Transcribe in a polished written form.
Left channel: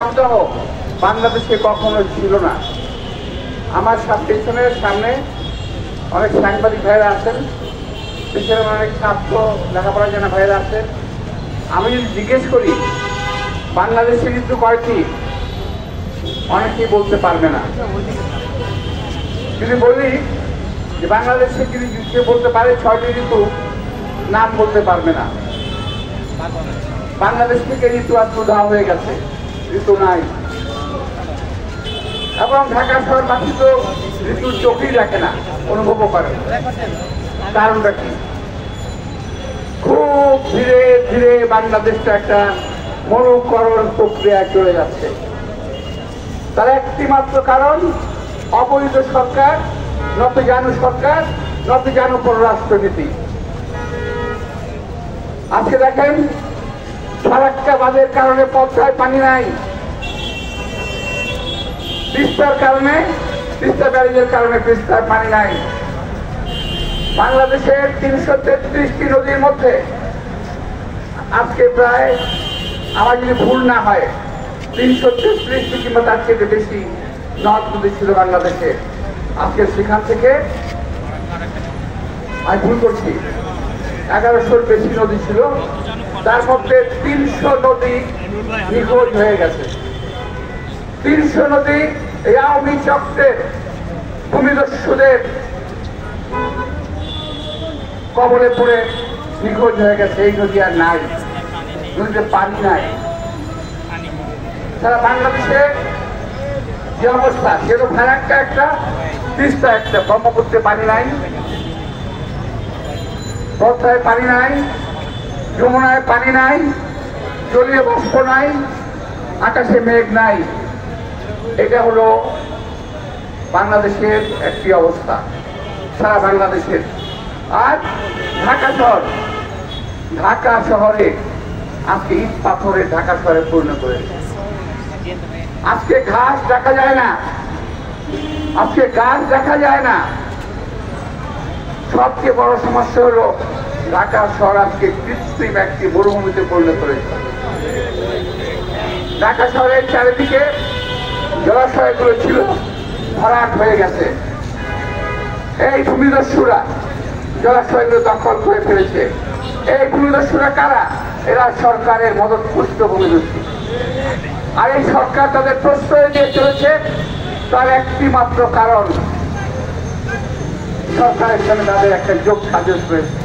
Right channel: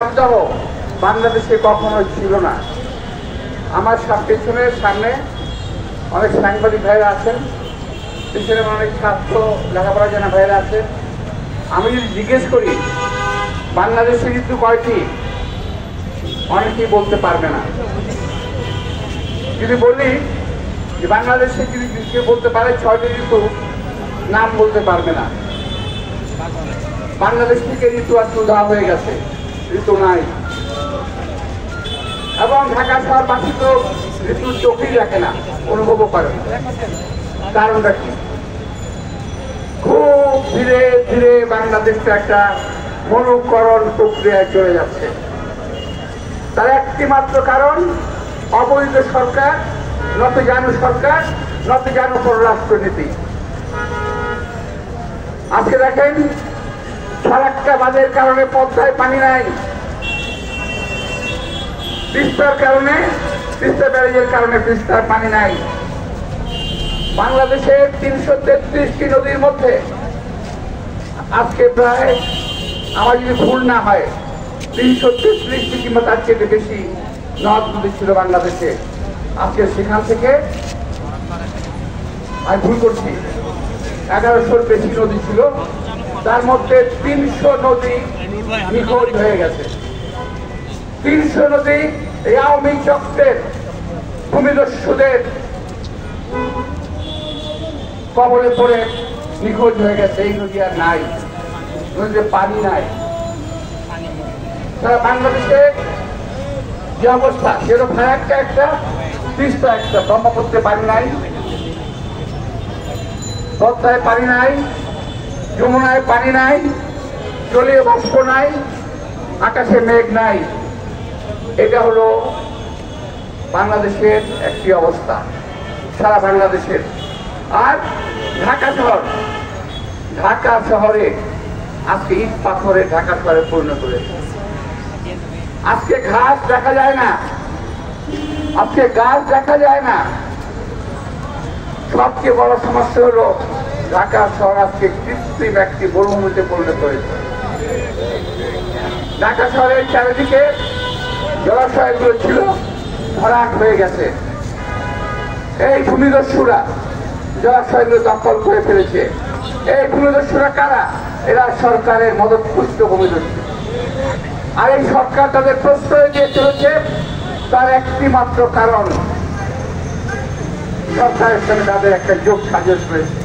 সন্দেহ বাংলাদেশে কখনো ছিল না। আমার পেছনের সামনে অনেক সাংবাদিক ভাইরা আছেন, পেছনে অনেক ছাত্র লেখাপড়া জানা ভাইরা আছেন। আমি যদি জিজ্ঞেস করি বাংলাদেশের ঋতু কয়টি, অনেকেই বলতে পারবে না। যদি বলি যে বাংলাদেশে যদি কেউ বলতে পারে 6টি ঋতু, নাম বলতে পারবে না। বাংলাদেশ থেকে ঋতু আজ উধাও হয়ে গেছে, ঋতু নাই। এবং ঢাকা শহরবাসী তো ঋতুর চোখেই রাখে না, অনুভবও করে। কারণটা কি? খুব ধীরে ধীরে বাংলাদেশটা একটা মরুকরণ প্রক্রিয়ায় চলে যাচ্ছে। তার একটি মাত্র কারণ অবৈধ সরকার, নতজানু সরকার, নতজানু পররাষ্ট্রনীতি। আজকে দেখেন ফারাক্কা বাঁধের কারণে পদ্মায় পানি নাই, তিস্তার কারণে, তিস্তা ব্যারেজের কারণে তিস্তার পানি নাই। বাংলাদেশের 333টি নদীর মধ্যে আজকে প্রায়, আমার যদি ভুল না হয়, 333টি কিংবা তার চেয়ে বেশি নদ নদী ছিল বাংলাদেশে। আজকে সেখান থেকে, আমি ভুল করছি, 1100-র বেশি নদী ছিল, তার মধ্যে 300 নদী নিখোঁজ হয়ে গেছে। 300 নদী এই আওয়ামী চক্রের ভূমিদস্যুদের কবলে পড়ে নিখোঁজ হয়ে গেছে। এই নদী আর নাই, নদীতে পানি নাই। সারা বাংলাদেশে যে অবস্থা, সেটা ফারাক্কা একটা, তিস্তা একটা, ব্রহ্মপুত্রে পানি নাই, পদ্মায় পানি নাই, যমুনায় পানি নাই, জলীয় বাষ্প নাই, আকাশে মেঘ নাই। এটা হলো বাংলাদেশের একটি অবস্থা, সারা বাংলাদেশের। আর ঢাকা শহর, ঢাকা শহরে আজকে ইট পাথরে ঢাকা শহরে পরিণত হয়েছে। আজকে ঘাস দেখা যায় না, আজকে গাছ দেখা যায় না। সবচেয়ে বড় সমস্যা হলো ঢাকা শহর আজকে কৃত্রিম একটি মরুভূমিতে পরিণত হয়েছে। ঢাকা শহরের চারিদিকে জলাশয়গুলো ছিল ভরাট হয়ে গেছে। এই ভূমিদস্যুরা জলাশয়গুলো দখল করে ফেলেছে। এই ভূমিদস্যুরা কারা? এরা সরকারের মদতপুষ্ট ভূমিদস্যু। আর এই সরকার তাদের প্রশ্রয় দিয়ে চলেছে, তার একটি মাত্র কারণ সরকারের সঙ্গে তাদের একটা যোগ সাজস রয়েছে।